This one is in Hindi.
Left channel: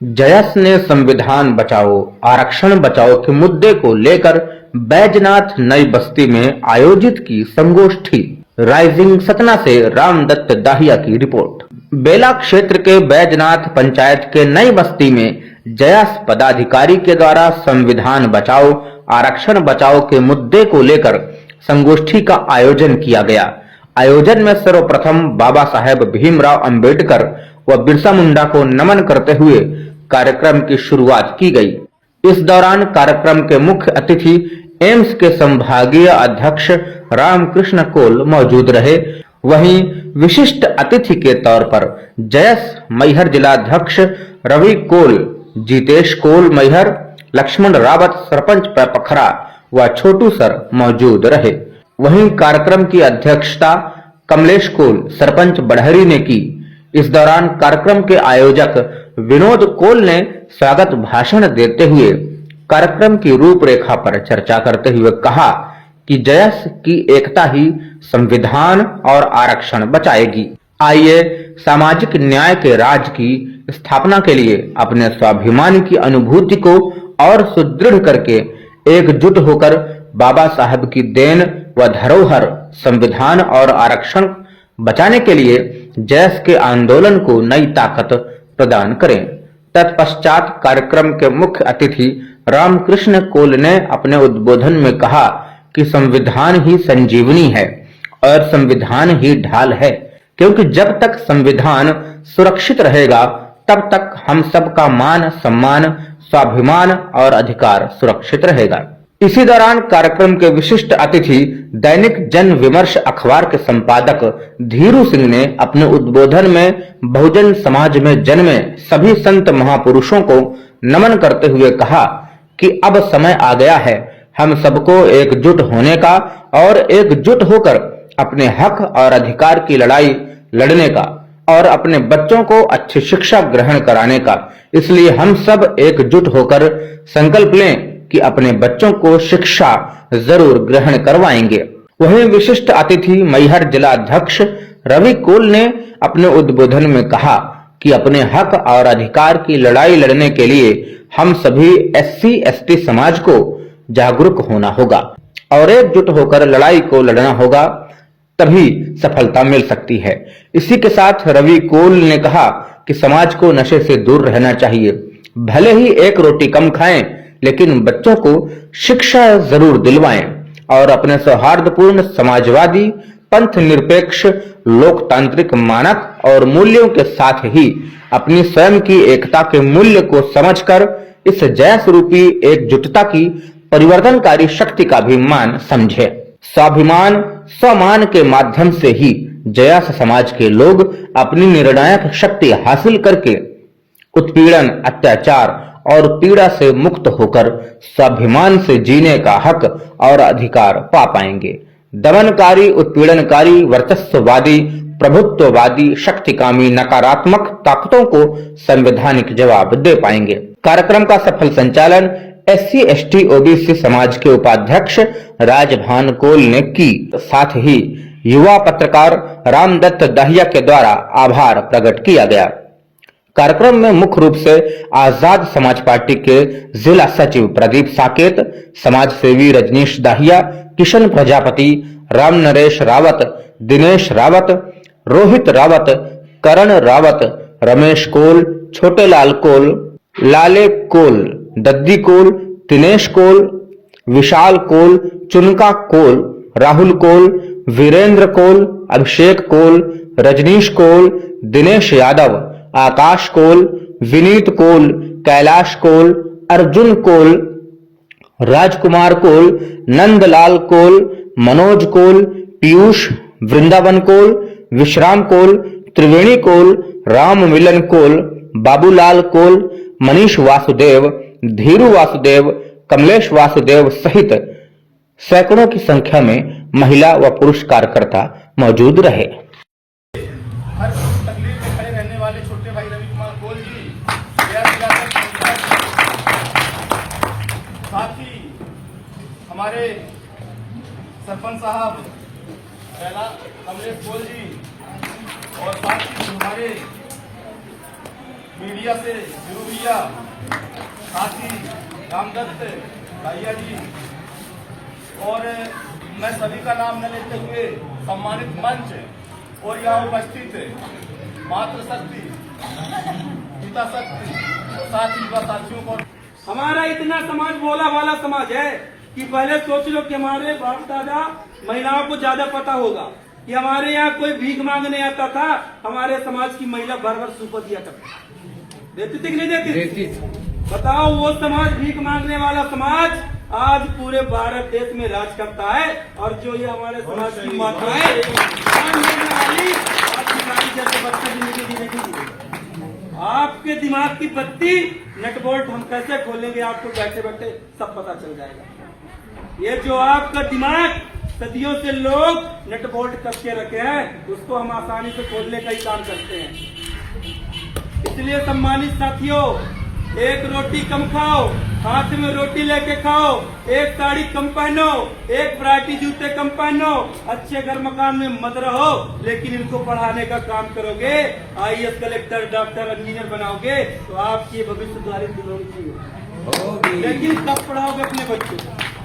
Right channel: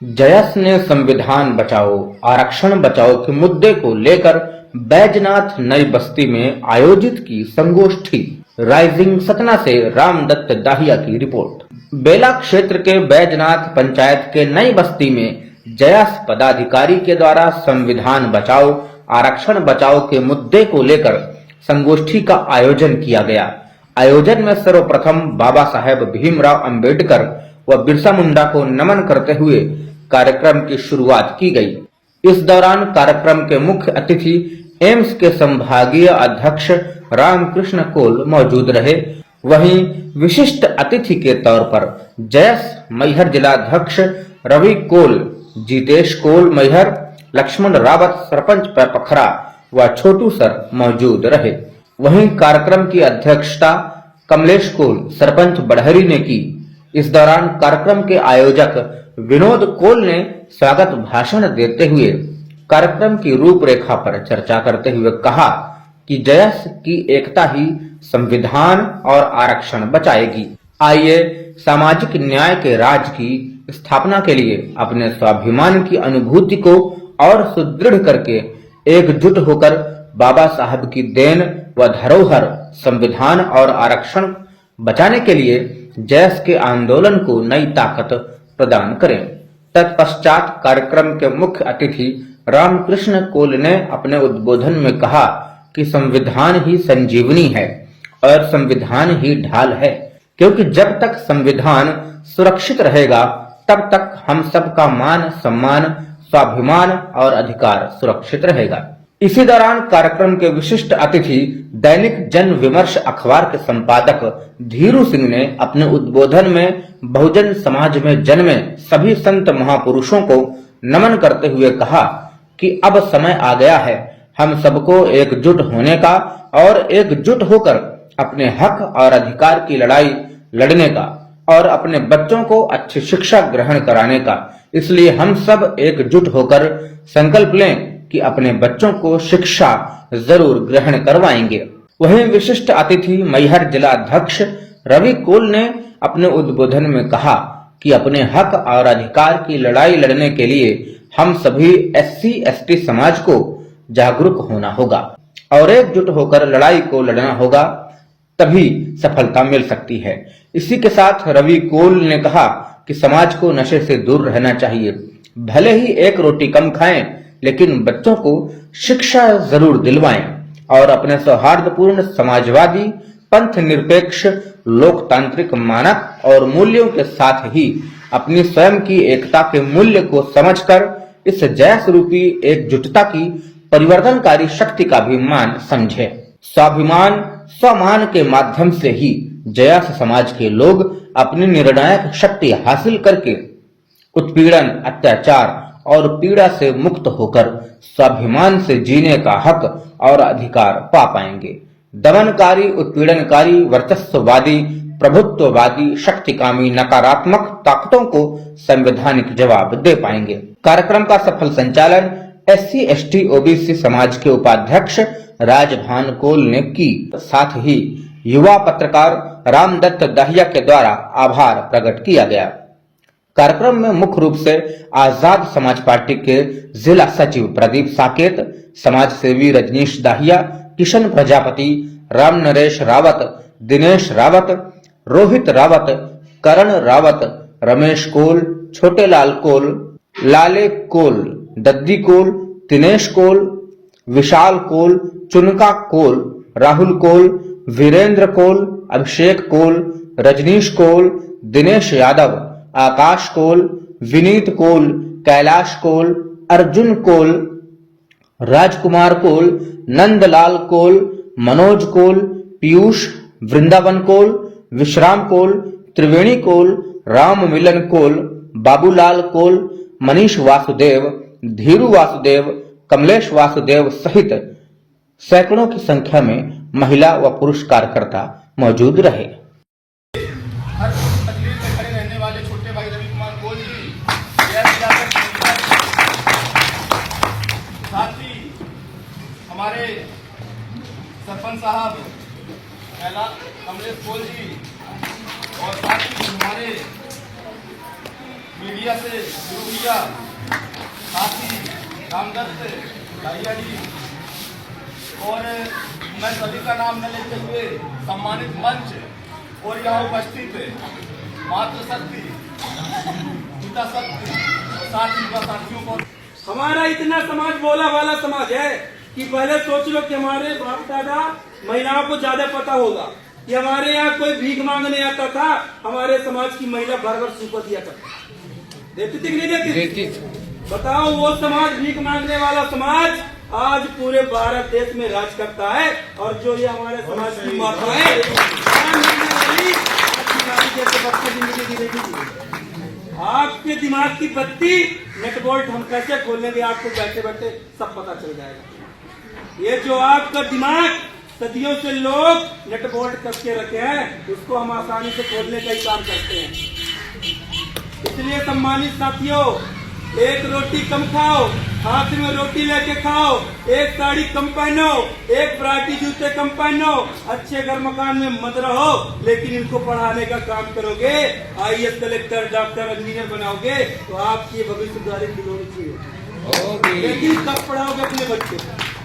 जयस ने संविधान बचाओ आरक्षण बचाओ के मुद्दे को लेकर बैजनाथ नई बस्ती में आयोजित की संगोष्ठी। राइजिंग सतना से रामदत्त दाहिया की रिपोर्ट। बेला क्षेत्र के बैजनाथ पंचायत के नई बस्ती में जयस पदाधिकारी के द्वारा संविधान बचाओ आरक्षण बचाओ के मुद्दे को लेकर संगोष्ठी का आयोजन किया गया। आयोजन में सर्वप्रथम बाबा साहेब भीमराव अंबेडकर व बिरसा मुंडा को नमन करते हुए कार्यक्रम की शुरुआत की गई। इस दौरान कार्यक्रम के मुख्य अतिथि एम्स के संभागीय अध्यक्ष रामकृष्ण कोल मौजूद रहे। वहीं विशिष्ट अतिथि के तौर पर जयस मैहर जिलाध्यक्ष रवि कोल, जितेश कोल मैहर, लक्ष्मण रावत सरपंच पखरा व छोटू सर मौजूद रहे। वहीं कार्यक्रम की अध्यक्षता कमलेश कोल सरपंच बढ़हरी ने की। इस दौरान कार्यक्रम के आयोजक विनोद कोल ने स्वागत भाषण देते हुए कार्यक्रम की रूपरेखा पर चर्चा करते हुए कहा कि जयस की एकता ही संविधान और आरक्षण बचाएगी। आइए सामाजिक न्याय के राज की स्थापना के लिए अपने स्वाभिमान की अनुभूति को और सुदृढ़ करके एकजुट होकर बाबा साहब की देन व धरोहर संविधान और आरक्षण बचाने के लिए जयस के आंदोलन को नई ताकत प्रदान करें। तत्पश्चात कार्यक्रम के मुख्य अतिथि रामकृष्ण कोल ने अपने उद्बोधन में कहा कि संविधान ही संजीवनी है और संविधान ही ढाल है, क्योंकि जब तक संविधान सुरक्षित रहेगा तब तक हम सबका मान सम्मान स्वाभिमान और अधिकार सुरक्षित रहेगा। इसी दौरान कार्यक्रम के विशिष्ट अतिथि दैनिक जन विमर्श अखबार के संपादक धीरू सिंह ने अपने उद्बोधन में बहुजन समाज में जन्मे सभी संत महापुरुषों को नमन करते हुए कहा कि अब समय आ गया है हम सबको एकजुट होने का और एकजुट होकर अपने हक और अधिकार की लड़ाई लड़ने का और अपने बच्चों को अच्छी शिक्षा ग्रहण कराने का। इसलिए हम सब एकजुट होकर संकल्प लें कि अपने बच्चों को शिक्षा जरूर ग्रहण करवाएंगे। वहीं विशिष्ट अतिथि मैहर जिलाध्यक्ष रवि कोल ने अपने उद्बोधन में कहा कि अपने हक और अधिकार की लड़ाई लड़ने के लिए हम सभी SC/ST समाज को जागरूक होना होगा और एकजुट होकर लड़ाई को लड़ना होगा, तभी सफलता मिल सकती है। इसी के साथ रवि कोल ने कहा कि समाज को नशे से दूर रहना चाहिए। भले ही एक रोटी कम खाएं, लेकिन बच्चों को शिक्षा जरूर दिलवाएं और अपने सौहार्दपूर्ण समाजवादी पंथ निरपेक्ष लोकतांत्रिक मानक और मूल्यों के साथ ही अपनी स्वयं की एकता के मूल्य को समझकर इस जयस रूपी एकजुटता की परिवर्तनकारी शक्ति का भी मान समझे। स्वाभिमान स्वमान के माध्यम से ही जयस समाज के लोग अपनी निर्णायक शक्ति हासिल करके उत्पीड़न अत्याचार और पीड़ा से मुक्त होकर स्वाभिमान से जीने का हक और अधिकार पा पाएंगे। दमनकारी उत्पीड़नकारी वर्चस्ववादी प्रभुत्ववादी शक्तिकामी नकारात्मक ताकतों को संवैधानिक जवाब दे पाएंगे। कार्यक्रम का सफल संचालन SC/ST OBC समाज के उपाध्यक्ष राजभान कोल ने की। साथ ही युवा पत्रकार रामदत्त दाहिया के द्वारा आभार प्रकट किया गया। कार्यक्रम में मुख्य रूप से आजाद समाज पार्टी के जिला सचिव प्रदीप साकेत, समाज सेवी रजनीश दाहिया, किशन प्रजापति, राम नरेश रावत, दिनेश रावत, रोहित रावत, करण रावत, रमेश कोल, छोटे लाल कोल, लाले कोल, दद्दी कोल, दिनेश कोल, विशाल कोल, चुनका कोल, राहुल कोल, वीरेंद्र कोल, अभिषेक कोल, रजनीश कोल, दिनेश यादव, आकाश कोल, विनीत कोल, कैलाश कोल, अर्जुन कोल, राजकुमार कोल, नंदलाल कोल, मनोज कोल, पीयूष, वृंदावन कोल, विश्राम कोल, त्रिवेणी कोल, राम मिलन कोल, बाबूलाल कोल, मनीष वासुदेव, धीरू वासुदेव, कमलेश वासुदेव सहित सैकड़ों की संख्या में महिला व पुरुष कार्यकर्ता मौजूद रहे। हर तकलीफ में खड़े रहने वाले छोटे भाई रवि कुमार कोल जी, साथ ही हमारे सरपंच साहब कमलेश कोल जी और साथ ही हमारे मीडिया से गुरु भैया, साथी रामदत्त दाहिया जी और मैं सभी का नाम न लेते हुए सम्मानित मंच और यहाँ उपस्थित मातृशक्ति, पिता शक्ति और साथ ही साथियों को। हमारा इतना समाज बोला वाला समाज है कि पहले सोच लो कि हमारे बाप दादा महिलाओं को ज्यादा पता होगा कि हमारे यहाँ कोई भीख मांगने आता था, हमारे समाज की महिला भर भर सूपा दिया करती, देती थी कि नहीं देती थी? बताओ, वो समाज भीख मांगने वाला समाज आज पूरे भारत देश में राज करता है। और जो ये हमारे समाज की माता है जैसे बच्चे जिंदगी जीने की दी। आपके दिमाग की बत्ती नट बोल्ट हम कैसे खोलेंगे, आपको बैठे बैठे सब पता चल जाएगा। ये जो आपका दिमाग सदियों से लोग नट बोल्ट कस के रखे हैं, उसको हम आसानी से खोलने का ही काम करते हैं। इसलिए सम्मानित साथियों, एक रोटी कम खाओ, हाथ में रोटी लेके खाओ, एक साड़ी कम पहनो, एक वैरायटी जूते कम पहनो, अच्छे घर मकान में मत रहो, लेकिन इनको पढ़ाने का काम करोगे, IAS कलेक्टर डॉक्टर इंजीनियर बनाओगे तो आपकी भविष्य सुधारित होनी चाहिए। लेकिन कब पढ़ाओगे अपने बच्चों को?